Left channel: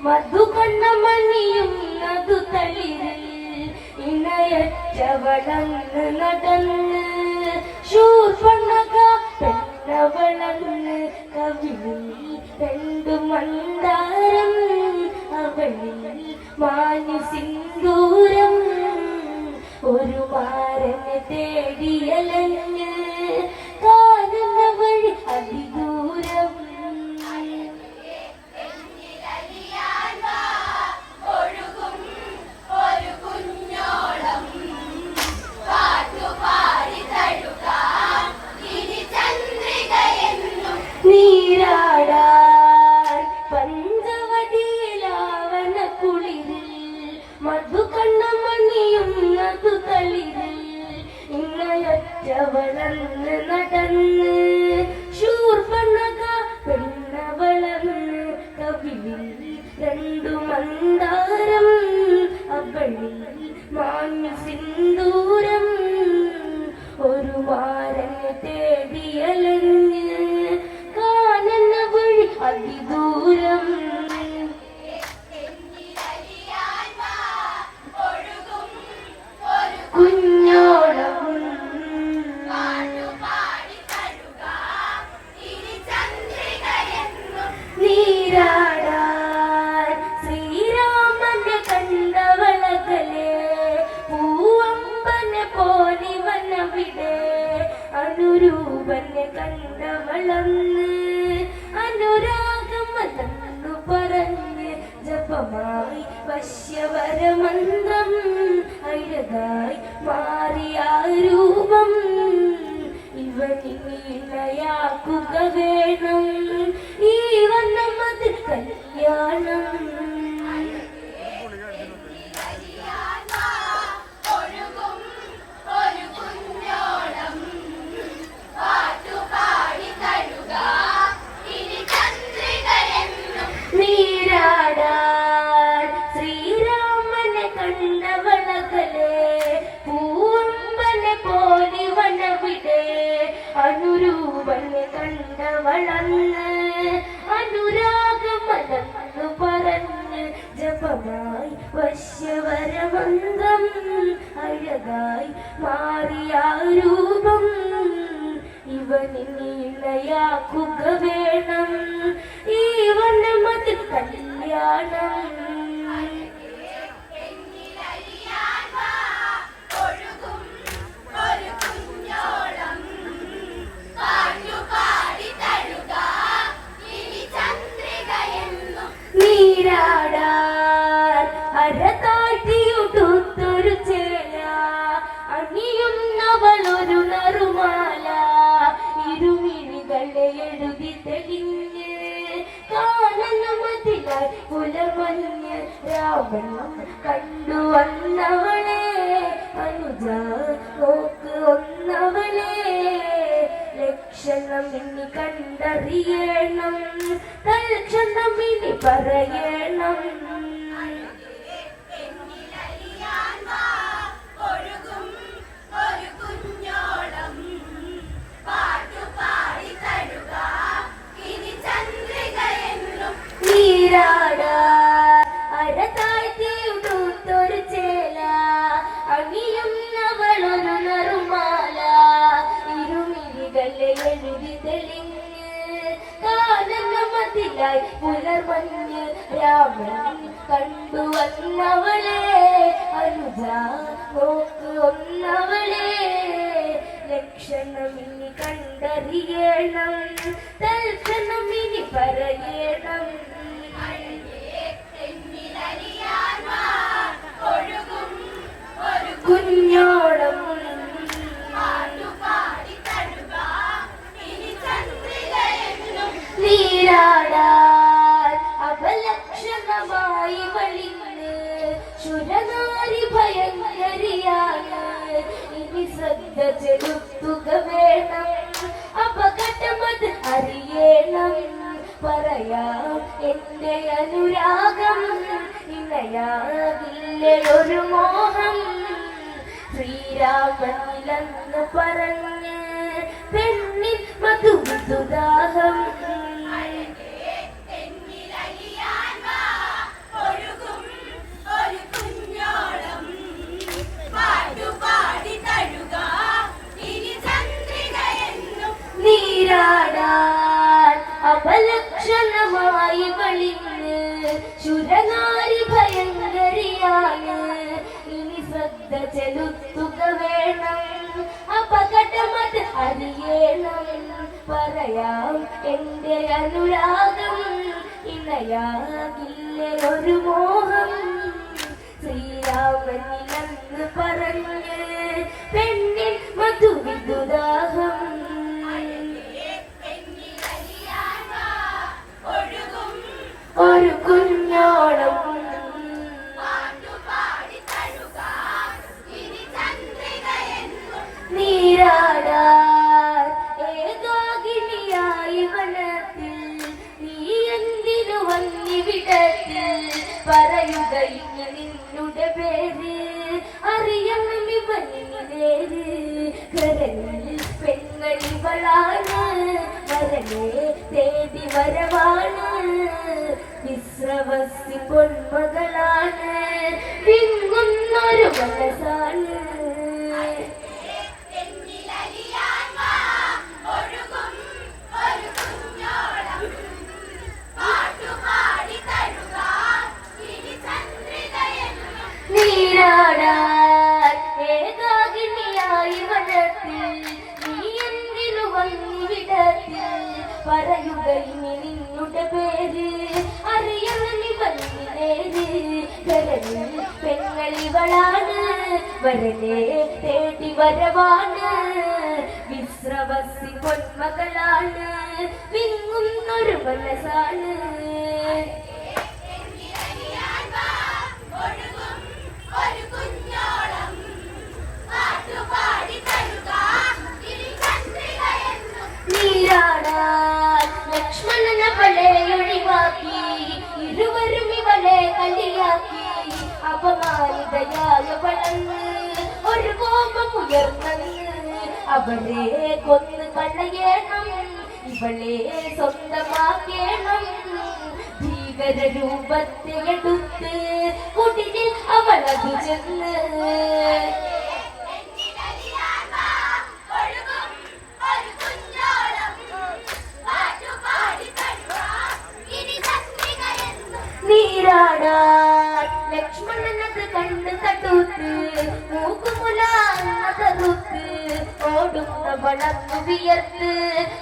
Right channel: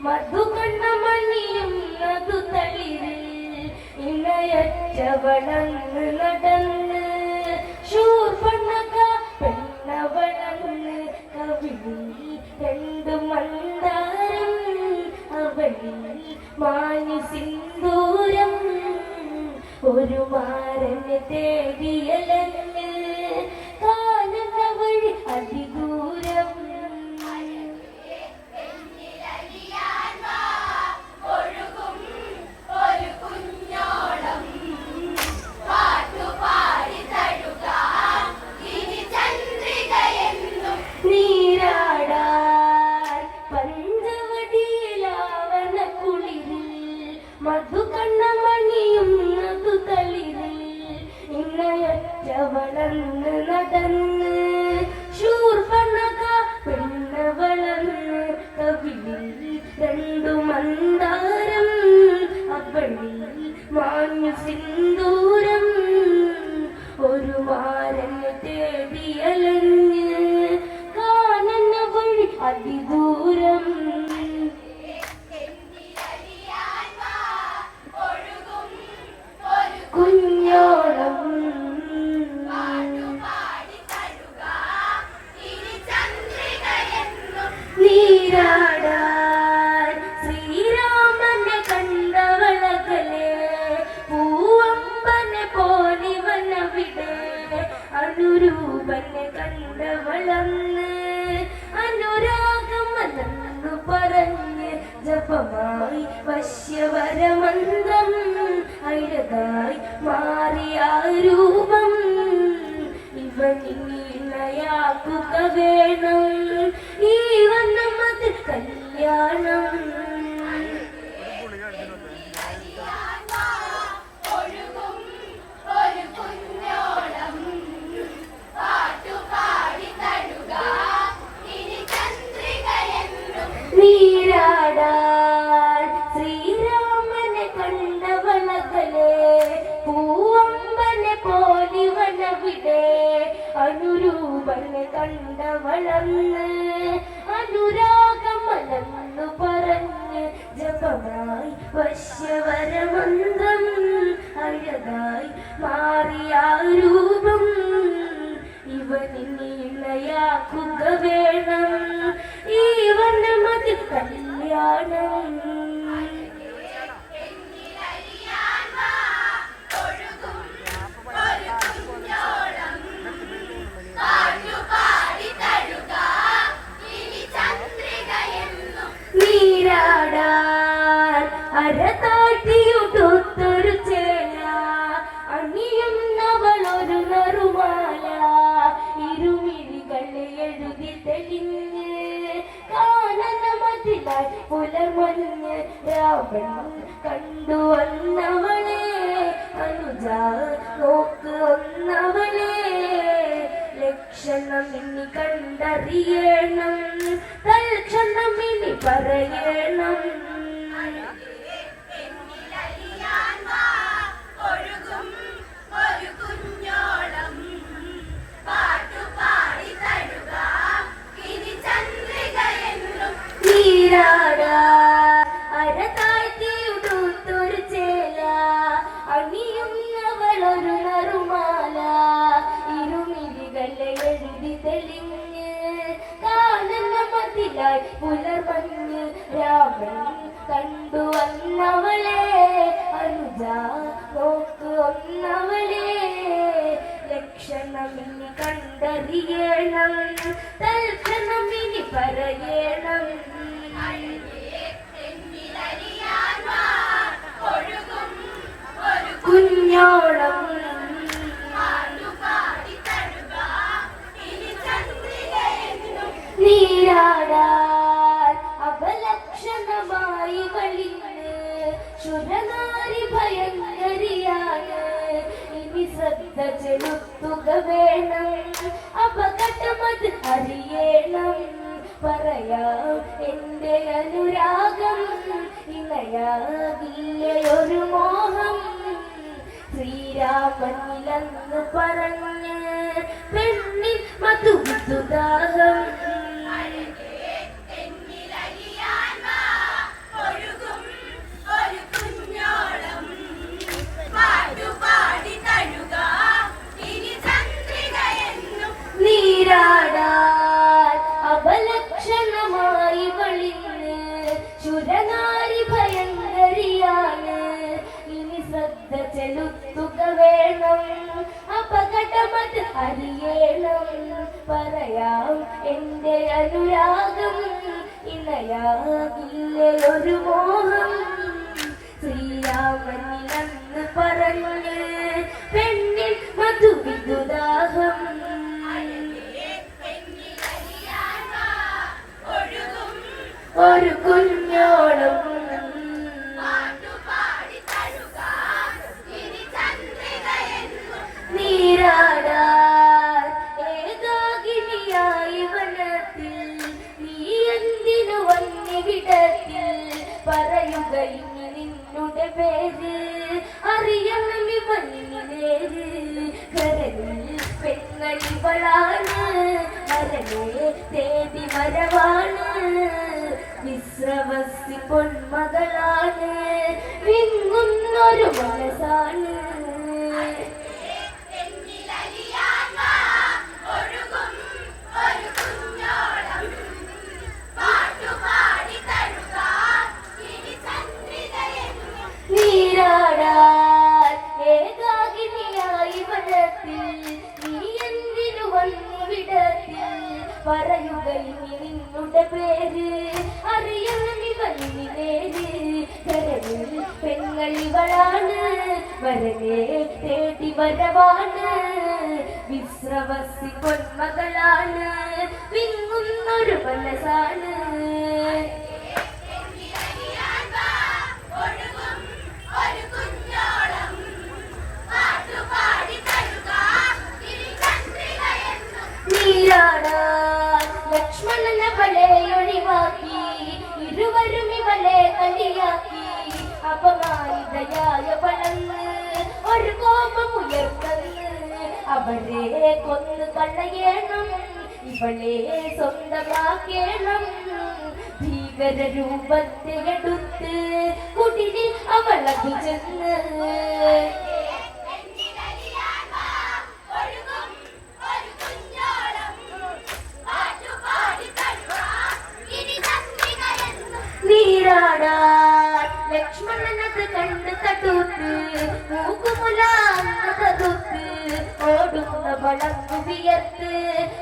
മധുകണ്ണ മണിയും നദു തളിരിൽ ഇണയറ്റവളങ്ങ് നടന്ന് ശൂർപ്പണക പെണ്ണവളങ്ങ് കവിളിൽ രണ്ട് മന്ദാരം അവളിൽ മാഞ്ഞു സിന്ദൂരം മന്ദാരം അവളിൽ മാഞ്ഞു കണ്ടവളന്ന് അനുരാഗമലന്ന് പറഞ്ഞ് ജപമായി വശ്യവരമന്ത്രം അഴകായി മാറിയ രൂപം ഇവനിണയാക്കുക വേണം അരതാട്ടിയുടുത്തൊരു ചേല. അണിയുന്നവളൊരു നറുമാല. ഇരുമിഴികളെ എഴുതി തെളിഞ്ഞ് കാണുന്ന മതിലായി പുലർമഞ്ഞ് രാവൺ കണ്ടു വന്നവളെ. അനുജ നോക്ക് ഒന്നവളെ ലക്ഷണം ഇനി കണ്ടറിയണം. തൽക്ഷണം ഇനി പറയണം. നീരാടാൻ അരതാഴ്ത്തിയുടുത്തൊരു ചേല. അണിയുന്നവളൊരു നറുമാല. ഇരുമിഴികളെ എഴുതി തെളിഞ്ഞ് കാണുന്ന മതിലായി പുലർമഞ്ഞ് രാമൻ കണ്ടു വന്നവളെ. അനുജ നോക്ക് ഒന്നവളെ ലക്ഷണം കണ്ടറിയണം. നീരാടാൻ അപലക്ഷണമായി വളിഞ്ഞ് ശുരനാരി ഭയങ്കരിയാണ് ഇനി ശ്രദ്ധ ചെലുത്തുക വേണം. അപകടമത് അറിയണം. പറയാം എന്റെ അനുരാഗം ഇണയാകില്ലേ ഒരു മോഹം. ശ്രീരാമനിലെന്ന് പറഞ്ഞ് പെണ്ണിൽ മധുദാഹം വെളിഞ്ഞ് ശുരനാരി ഭയങ്കരിയാണ് ഇനി ശ്രദ്ധ ചെലുത്തുക വേണം അപകടമത് അറിയണം. പറയാം എന്റെ അനുരാഗം ഇണയാകില്ലേ ഒരു മോഹം. ശ്രീരാമനിലെന്ന് പറഞ്ഞ് പെണ്ണിൽ മധുവിദുദാഹം ഒരു കുഞ്ഞോളം. നീരാടാൻ ഏകാകിനിയായി വനത്തിൽ. നീ എന്തിനു വന്നിവിടത്തിൽ? പറയുക ഇനി നിന്നുടെ പേര്. അറിയണം ഇവനിലേര് കരളിൽ പെങ്ങളിവളാണ് വരനെ തേടി വരവാണ്. വിശ്രവസി പൊന്മകളാണ്. വിങ്ങുന്നൊരു മനസ്സാണ്. നീരാടാൻ വനത്തിൽ നീ എന്തിനു വന്നു വിടത്തിൽ? പറയുക നിന്നുടെ പേര് അറിയണി പേര്. കരവിൽ പെങ്ങളിവളാണ് വരനെ തേടി വരവാണ്. വിശ്രവസി പൊന്മകളാണ് വിങ്ങുന്നൊരു മനസ്സാണ്. അപമാനിതയായ ഒരു കോപം ഉയർന്നത് അവരെ കൊന്ന് കളയണം ഇവളെ സ്വന്തമാക്കണം. ഭീകര രൂപത്തെ എടുത്ത് കുടിലിൽ അവളതു ചെന്ന്. നീരാടാൻ കണ്ട് തട്ടൂത്ത് മൂക്കുമുലാന്നതറുത്ത് ഓടുന്ന വളർന്നു വിയർത്ത്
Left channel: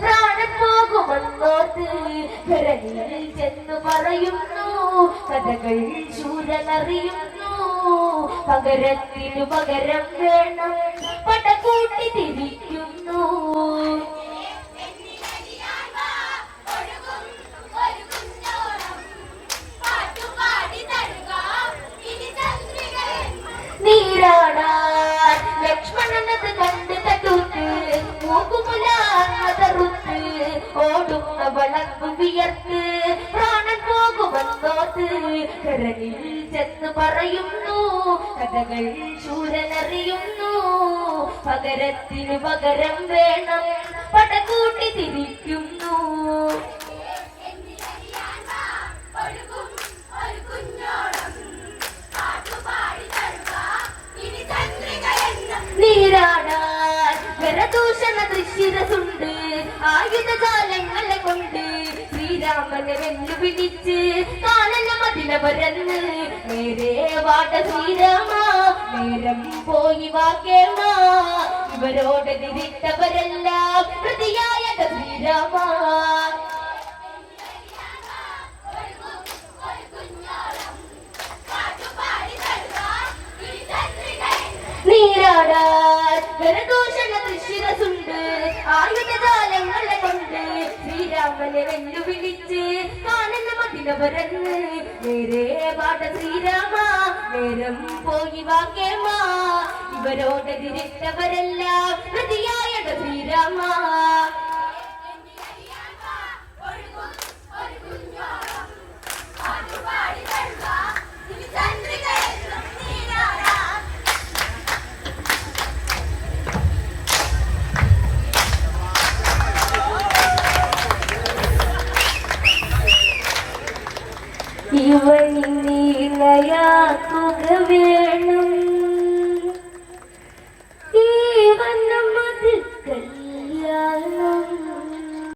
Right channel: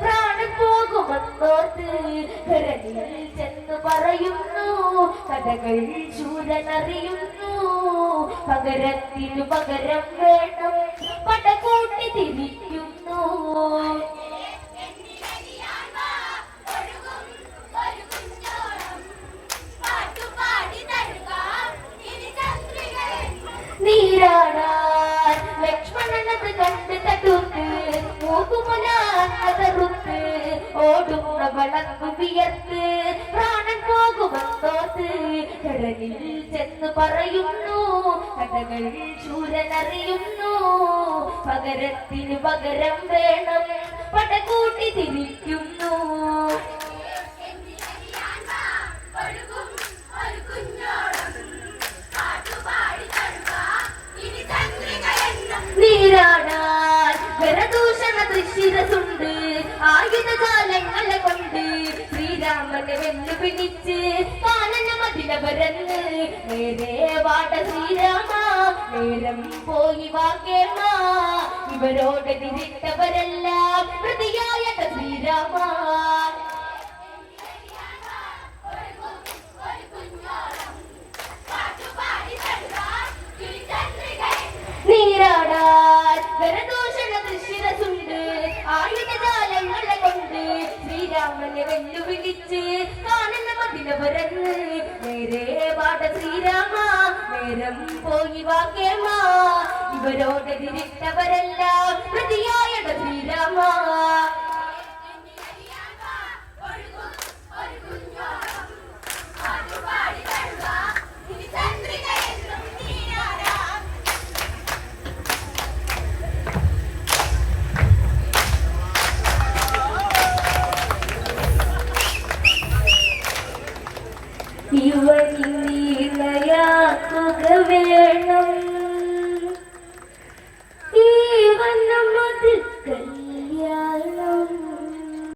പ്രാണൻ പോകുമെന്നോർത്ത് കരളിൽ ചെന്ന് പറയുന്നു കഥകൾ ചൂരനറിയുന്നു പകരത്തിനു പകരം വേണം പടകൂട്ടി തിരിക്കുന്നു. കരലിൽ ചെന്ന് പറയുന്നു കഥകൾ ശൂരനറിയുന്നു പകരത്തിനു പകരം വേണം പടകൂട്ടി തിരിക്കുന്നു. നീരാടാൻ വരദൂഷണ ദൃശ്യരസുണ്ട് ആയുധജാലങ്ങളെ കൊണ്ട് ശ്രീരാമനെ വെല്ലുപിടിച്ച് കാലന പരന്ന് നേരെ വാട ശ്രീരാമ നേരം പോയി വാക്കേമ ഇവരോട് തിരിട്ടവരെല്ലാം പ്രതിയായ ശ്രീരാമ. നീരാടാൻ വരദൂഷണ ദൃശ്യരസുണ്ട് ആയുധജാലങ്ങളെ കൊണ്ട് ശ്രീരാമ ശ്രീരാമനെ വെല്ലുവിളിച്ച് കാണുന്ന മതില പരന്ന് നേരെ പാട്ട ശ്രീരാമ നേരം പോയി വാക്കേമ. ഇവരോടെതിരിട്ടവരെല്ലാം പ്രതിയായ ശ്രീരാമ.